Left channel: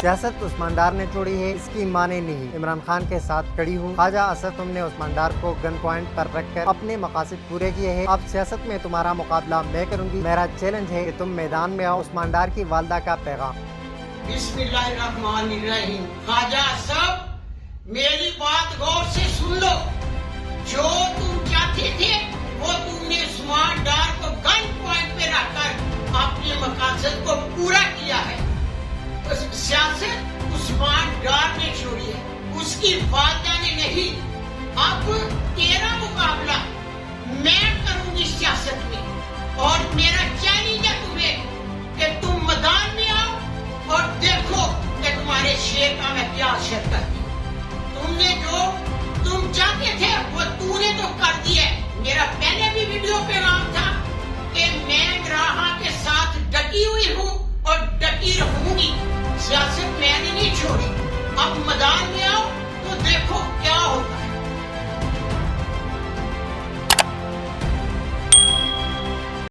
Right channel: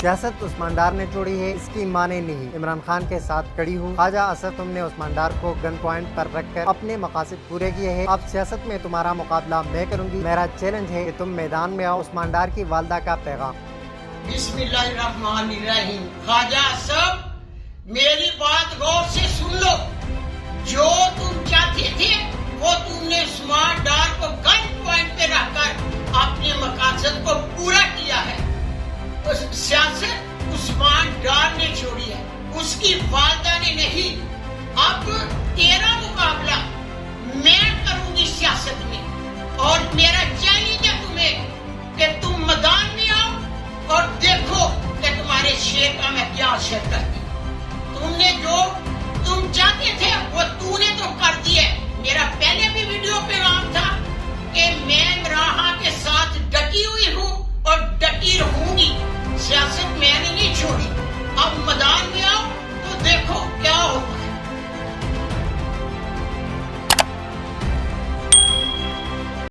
सियासत उस्मान डार ने छोड़ी है, इसकी माने नहीं। इमरान खान के साथ खड़ी हूँ। ख्वाजा असद तुमने उस्मान डार को गन पॉइंट पर रखकर अपने मकासद पूरे किए हैं। अब सियासत में तुम्हारा मुकाबला मैं करूँगी। मेरा चैलेंज है कि तुम मैदान में आओ। उस्मान डार की वालदा का पैगाम। बिस्मिल्लाहिर्रहमानिर्रहीम। ख्वाजा असद, मेरी बात गौर से सुन लो। जो तुम चाहते थे वो तुमने उस्मान डार को गन पॉइंट पे रखकर अपने मकासद को पूरा किया है। सियासत उस्मान डार ने छोड़ी है, उसकी वालदा ने नहीं। अब तेरा मुकाबला मैं करूंगी सियासत में, और मेरा चैलेंज है तुम्हें कि तुम मैदान में आओ और देखो कि तुम्हारे शेर का मैं क्या असर करती हूँ। तुमने जो तुम चाहते थे वो तूने तो कर दिया। मेरा पहले भी वीडियो पे नाम था कि मैं इमरान के साथ डटी हुई हूँ और डटी रहूंगी। सियासत मैंने नहीं छोड़ी। अब मैदान में आओ